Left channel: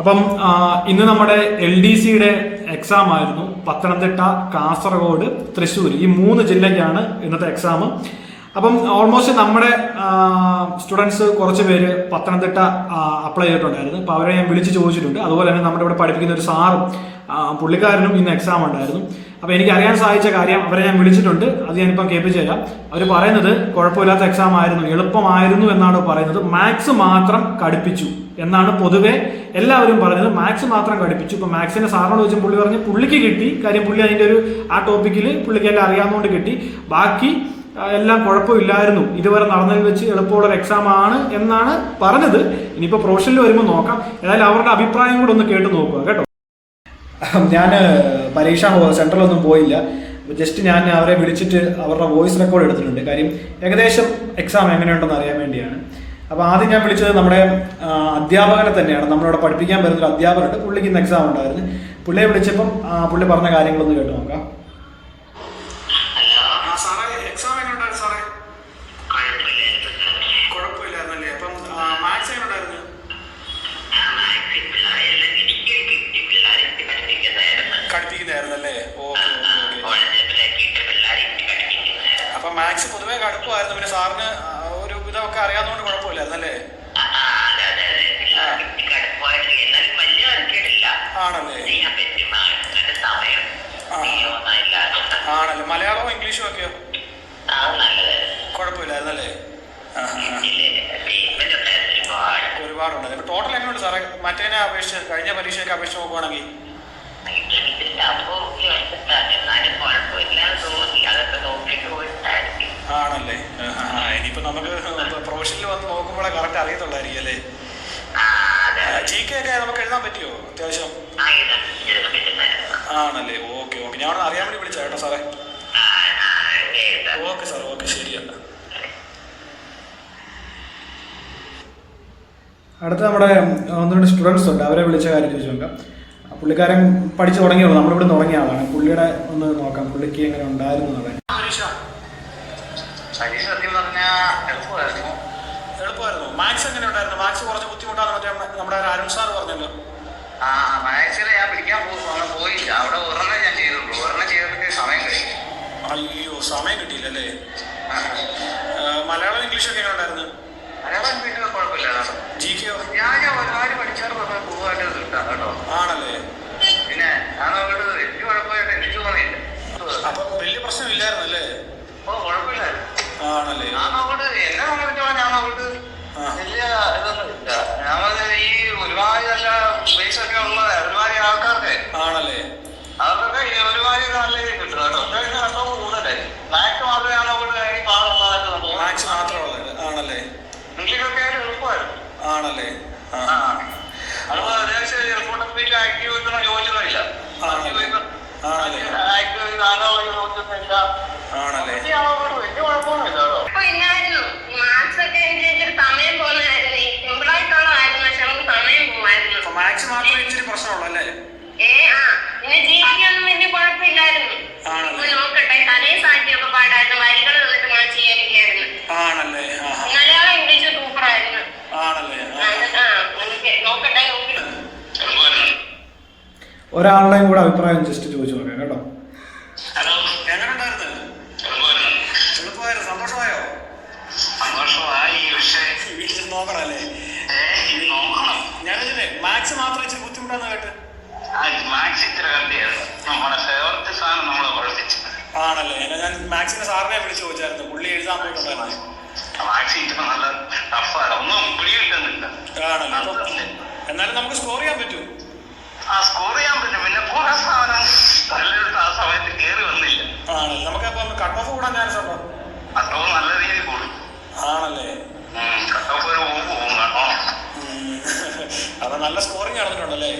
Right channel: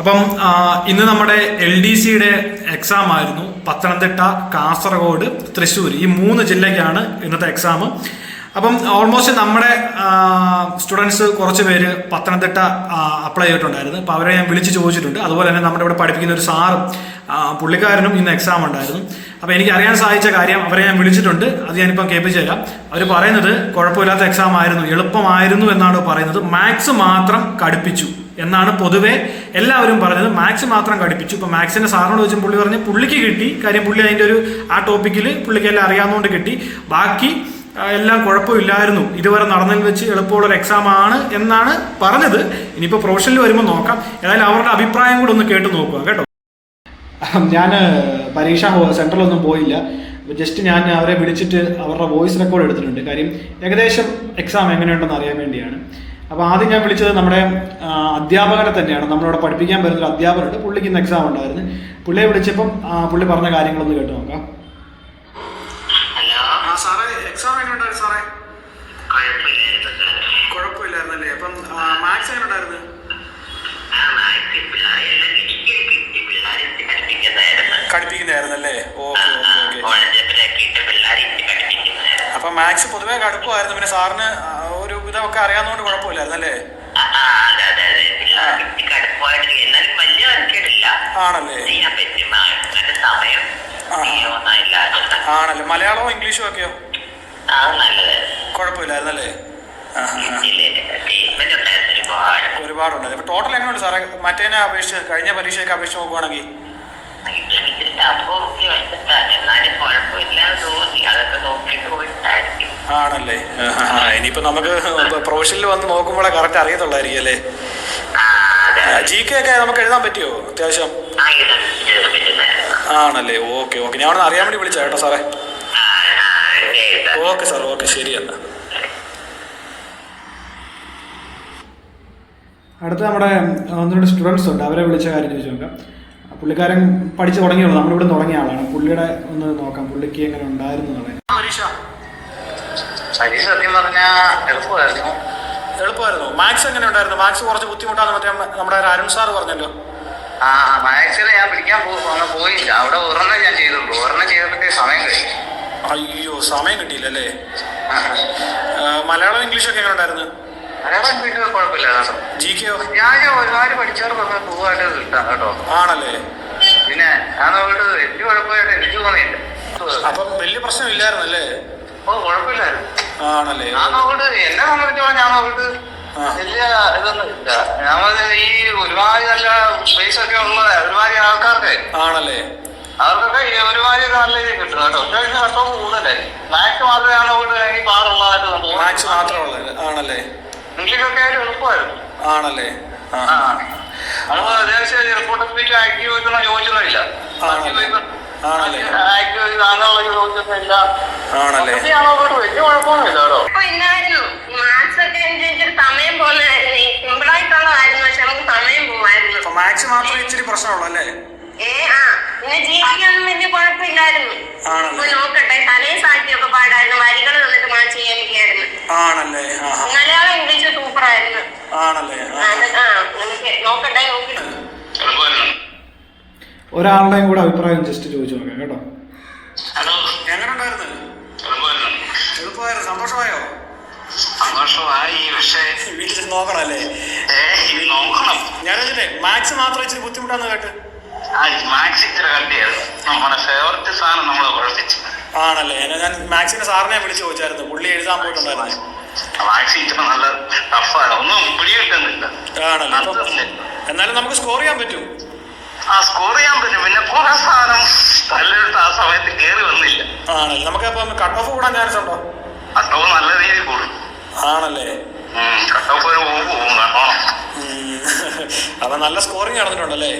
അപ്പം ഇന്ന് നമ്മുടെ LDCയുടെ എക്സാം ആയിരുന്നു. പത്തനംതിട്ട, കാസർഗോഡ്, തൃശ്ശൂർ ഈ 3 ജില്ലയ്ക്കാണ് ഇന്നത്തെ എക്സാം. അപ്പം ഓൾമോസ്റ്റ് നമ്മുടെ സ്റ്റുഡൻസ് കുറച്ച് പേര് പത്തനംതിട്ട അപ്ലൈ ചെയ്തിട്ടുണ്ടായിരുന്നു. അപ്പോൾ അവരെ ഞാൻ വിളിച്ച് ചോദിച്ചിട്ടുണ്ട്. അതുപോലെ തന്നെ നമ്മുടെ ഇവിടെ പഠിപ്പിക്കുന്ന ഒരു സാറും പുള്ളിക്കാരനും ഇന്ന് എക്സാം ഉണ്ടായിരുന്നു. അപ്പോൾ എനിക്ക് അറിയാൻ സാധിച്ച കാര്യം അവരെ ഞാൻ വിളിച്ചിട്ടുണ്ട്. അത് ഞാനിപ്പം കേൾപ്പിച്ചു തരാം. അവർ പറയുന്നത് കുഴപ്പമില്ലാത്ത എക്സാം ആയിരുന്നു, എളുപ്പമായിരുന്നു എന്നാണ് പറയുന്നത്. മാത്സ് മാത്രം കടുപ്പിച്ചു എന്നാണ് പൊതുവെ എല്ലാവരും പറഞ്ഞത്. മാത്സ് മാത്രം കടുപ്പിച്ചു. ഇപ്പോൾ മാത്സിൻ്റെ സാറിനോട് ചോദിച്ചും പുള്ളി പറഞ്ഞ് പുള്ളിക്ക് കിട്ടി. കാര്യം പുള്ളി അതിൻ്റെ ഒരു ആ ടോപ്പിക്കിൽ പുള്ളിക്ക് എല്ലാം അറിയാവുന്നതുകൊണ്ട് കിട്ടി. ബാക്കി എല്ലാം കുഴപ്പമില്ലായിരുന്നു, ഇതുവരെ നടന്നതിൽ വെച്ച് എളുപ്പമുള്ളൊരു എക്സാം ആണ് എന്നാണ് പറഞ്ഞത്. ഇനിയിപ്പോൾ പ്രൊഫഷനിൽ വരുമ്പോൾ നോക്കാം. ഏതായാലും അവരുടെ അഭിപ്രായം കൂടെ ഒന്ന് കേട്ട് നോക്കുക കേട്ടോ. ഞാൻ പരീക്ഷാ സെൻറ്ററിലൊന്നും പോയില്ല. ജസ്റ്റ് ഞാൻ അവരെ വിളിച്ചിട്ട് അവരുടെ വോയിസ് റെക്കോർഡ് എടുത്തിട്ടുണ്ട്. കാര്യം ഏകദേശം എക്സാം എങ്ങനെയുണ്ടെന്ന് അറിയാൻ വേണ്ടിയാണ്. അപ്പോൾ ആദ്യം ഞാൻ വിളിച്ചത് നമ്മുടെ അധ്യാപകനെ തന്നെയാണ്. നമ്മളിവിടെ പഠിപ്പിക്കാൻ വരുന്നൊരു അധ്യാപകരുണ്ട്. പുള്ളിക്ക് ഇന്ന് എക്സാം ഉണ്ടായിരുന്നു. പുള്ളിയെ വിളിച്ചപ്പം പുള്ളി പറഞ്ഞ കാര്യങ്ങളൊന്ന് കേട്ട് നോക്കാം. എക്സാം എങ്ങനെയുണ്ടായിരുന്നു സാറേ? കുഴപ്പമില്ലായിരുന്നല്ലേ? അപ്പം മാത്സ് എങ്ങനെയുണ്ടായിരുന്നു? കടുപ്പിക്കുന്നതായിരുന്നല്ലേ? Okay okay okay. അപ്പം മാത്സ് പൊതുവെ കടുപ്പമായിരുന്നു. പിന്നെ സാറിന് ഒരു ഇതൊക്കെ അറിയാവുന്നതുകൊണ്ട് കുഴപ്പമില്ലായിരുന്നല്ലേ? ആണല്ലേ? ആണല്ലേ? മലയാളമോ ഇംഗ്ലീഷോ ഒക്കെയോ? കുഴപ്പമില്ലായിരുന്നല്ലേ? ഒരുപാടുണ്ട്. അപ്പൊ ടോട്ടൽ എങ്ങനെയുണ്ട് സാറേ മറ്റേനെ അപേക്ഷിച്ച്, കഴിഞ്ഞ പരീക്ഷയൊക്കെ അപേക്ഷിച്ച് നോക്കുവാണെങ്കിൽ? ആണല്ലേ? ഇനിയിപ്പോ നമുക്ക് പ്രൊഫഷനിൽ വന്ന് നോക്കുമ്പോഴേ കറക്റ്റ് അറിയത്തുള്ളായിരിക്കും അല്ലേ? GK ഒക്കെ നമുക്ക് എഴുതാൻ പറ്റുമോ അത്യാവശ്യം? ആണല്ലേ? Okay okay. ഞാൻ അവിടെ അറിയാൻ വേണ്ടി വിളിച്ചാ കേട്ടോ സാറേ. ഓക്കെ സാർ, ഓക്കെ, ശരി എന്നാ. അടുത്ത നമ്മുടെ 1-2 സ്റ്റുഡൻസ് ഉണ്ട്. അവരെ വിളിച്ച കാര്യം ചോദിച്ചു നോക്കാം. പുള്ളിക്കാരൻ പഠിച്ചു തുടങ്ങിയുള്ളൂ, നമ്മളിവിടെ തുടങ്ങിയ ആളാണ്. പുള്ളിയുടെ ഒന്ന് നോക്കാം, പുള്ളിക്ക് എങ്ങനെ ഉണ്ടായിരുന്നു എന്നുള്ളത്. പരീക്ഷ സത്യം പറഞ്ഞാൽ എളുപ്പമായിരുന്നു. മാത്സ് എങ്ങനെ ഉണ്ടായിരുന്നു? മാത്സ് കുറച്ച് ബുദ്ധിമുട്ടാണ് മറ്റേ നമ്മുടെ അരുൺ സാർ പറഞ്ഞല്ലോ. മാത്സിൽ ഞാൻ പിടിക്കാൻ പോയില്ല. അവിടെ ഒരെണ്ണം ഞാൻ ചെയ്തുള്ളൂ. ഒരെണ്ണം ചെയ്തപ്പോഴത്തേ സമയം കഴിഞ്ഞു. അയ്യോ, സമയം കിട്ടിയില്ലല്ലേ? മലയാളം ഇംഗ്ലീഷൊക്കെ എങ്ങനെ ഉണ്ടായിരുന്നു? മലയാളം ഇംഗ്ലീഷ് കുഴപ്പമില്ല. GK ഞാൻ ഒരുപാട് പഠിച്ചോട് പൊതുവായിട്ട് കിട്ടാം കേട്ടോ. ആണല്ലേ? പിന്നെ ഞാൻ നോക്കിട്ട് എനിക്ക് കുഴപ്പമായിട്ട് എനിക്ക് തോന്നിയില്ല. അപ്പം വലിയ പ്രശ്നമില്ലായിരുന്നല്ലേ? ഓ, കുഴപ്പമില്ലായിരുന്നു. ആണല്ലേ? ഞാൻ നോക്കിട്ട് എന്നെ സംബന്ധിച്ചോളം ഞാൻ നോക്കിട്ട് വലിയ ഇതൊന്നും ഇല്ല. നമ്മൾ ഈ ഒരുപാട് നല്ല സ്പേസ് ഒക്കെ ഉള്ള ഒരുപാട് ആൾക്കാർക്ക് ആണല്ലേ, അവർക്കൊക്കെ ഒരുപാട് നല്ല രീതിയിൽ കിട്ടും കേട്ടോ. കട്ടോഫ് കൂടുതലായിരിക്കും. മാത്സ് മാത്രമേ ഞാൻ നോക്കിട്ട് എനിക്ക് പാടുള്ളതായിട്ട് തോന്നുന്നു. മാത്സ് മാത്രമുള്ളത് ആണല്ലേ? ഇംഗ്ലീഷൊക്കെ ആയാലും എളുപ്പമായിരുന്നു. ആണല്ലേ? അതുപോലെ അത്യാവശ്യം റിപ്പോർട്ട് സ്പീച്ച് ആക്റ്റീവ് വെക്കുന്ന ചോദിച്ചതില്ല. ആണല്ലേ? ആക്റ്റീവ് താങ്കളുള്ള ചോദിച്ചതില്ല. ആണല്ലേ? വലിയ കുഴപ്പമൊന്നുമില്ല കേട്ടോ. മാത്സ് മാത്രമേ ഇച്ചിരി പ്രശ്നമുള്ളൂ അല്ലേ? പിന്നെ ജീവിക്കാനും വലിയ കുഴപ്പമില്ലായിരുന്നു. നോക്കട്ടെ, തലേ സാഹിത്യമൊക്കെ പാടായിരുന്നു, വരികൾ തന്നിട്ട് മാച്ച് ചെയ്യാനൊക്കെയായിരുന്നു. ആണല്ലേ? മലയാളം ഇംഗ്ലീഷ് സൂപ്പറായിരുന്നു. ആണല്ലേ? നോക്കട്ടെ. ഒരാളുടെയും കൂടെ അഭിപ്രായം ജസ്റ്റ് ചോദിച്ചു നോക്കാം കേട്ടോ. ഹലോ, എങ്ങനെ ഉണ്ടായിരുന്നു? എളുപ്പമായിരുന്നു. സന്തോഷമായോ? സന്തോഷമായി. പക്ഷേ വീട്ടിൽ നോക്കണല്ലേ? നോക്കണം. ഞാനിതിനെ മാത്സ് മാത്രം ഇച്ചിരി ബുദ്ധിമുട്ടാന്ന് കേട്ട്. മാത്സ് ഇച്ചിരി കണ്ടിയായിരുന്നു. നമ്മുടെ ഫേവററ്റ് സാധനം നമ്മളെ കുഴപ്പിച്ചു. ആണല്ലേ? ഞാൻ മാത്സിന്റെ സാറിനെ വിളിച്ച് ചോദിച്ചായിരുന്നു. പുള്ളി എഴുതാൻ പോയിട്ടുണ്ടായിരുന്നു. മാത്സ് ഇച്ചിരി നല്ല ടഫാണ്. ഒന്നും പിടികിട്ടുന്നില്ല. ആണല്ലേ? എന്നാലും നമുക്ക് സ്കോർ ചെയ്യാൻ പറ്റും. സ്കോർ ചെയ്യാൻ പറ്റും. പിന്നെ കുറെ സാധനം തല്ലിട്ട് ആ സമയത്ത് കയറി വന്നില്ല. ആണല്ലേ? നമുക്ക് അപ്പം കട്ട് ഓഫ് കൂടാൻ ചാൻസ് ഉണ്ടോ? കട്ട് ഓഫ് നല്ല രീതിയിൽ കൂടും. ആണല്ലേ? കട്ട് ഓഫ് ഒരു പോകും കേട്ടോ. അപ്പൊ നല്ല സ്കോറിങ് നടന്നിട്ടുണ്ടല്ലേ?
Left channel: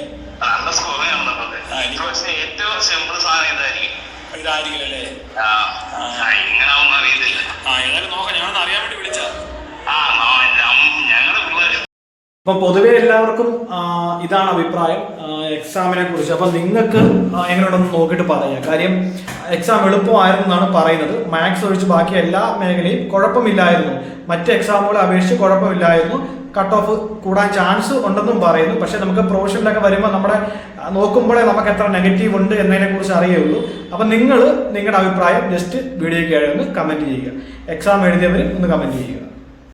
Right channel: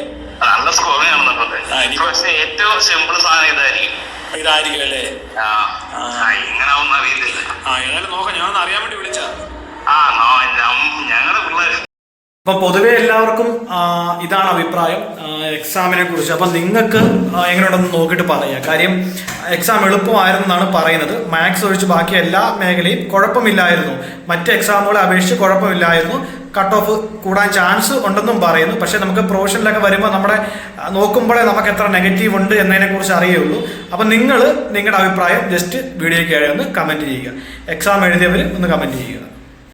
നല്ല സ്കോറിങ് നടന്നിട്ടുണ്ട്. പക്ഷെ ഏറ്റവും സിമ്പിൾ സാധനം ഇതായിരിക്കും അല്ലേ? ഇങ്ങനെ ഒന്നും അറിയത്തില്ല. ഏതായാലും നോക്കാം. ഞാനൊന്ന് അറിയാൻ വേണ്ടി വിളിച്ചാ. ഞങ്ങളുടെ പിള്ളേർ അപ്പം പൊതുവെ എല്ലാവർക്കും ഇതാണ് അഭിപ്രായം എക്സാമിനെ കുറിച്ച്. അപ്പം നിങ്ങൾക്ക് എങ്ങനെയുണ്ടെന്ന് നോക്കിയിട്ട് പറയാം. കാര്യം എക്സാം എളുപ്പമായിരുന്നു എന്നാണ് പറയുന്നത്. മാത്സ് ഒഴിച്ച് ബാക്കി എല്ലാ മേഖലയും കുഴപ്പമില്ലായിരുന്നു, മറ്റ് എക്സാമുകളെ അപേക്ഷിച്ച് കുഴപ്പമില്ലായിരുന്നു, കട്ട് ഓഫ് കൂടാൻ ചാൻസ് ഉണ്ടെന്നും പറയുന്നു. പക്ഷേ നമുക്ക് പ്രൊഫഷനിലൊക്കെ വരുമ്പോൾ നമ്മുടെ നോക്കുമ്പോഴേ നമുക്ക് എത്ര നെഗറ്റീവ് ഉണ്ട് എന്നതിനെ കുറിച്ച് അറിയുള്ളൂ. അപ്പം നിങ്ങൾ നിങ്ങളുടെ അഭിപ്രായം ജസ്റ്റ് വീഡിയോയ്ക്ക് ഒന്ന് കമൻറ്റ് ചെയ്യുക. എക്സാം എഴുതിയവർ ഒന്ന് കമൻറ്റ് ചെയ്യുക.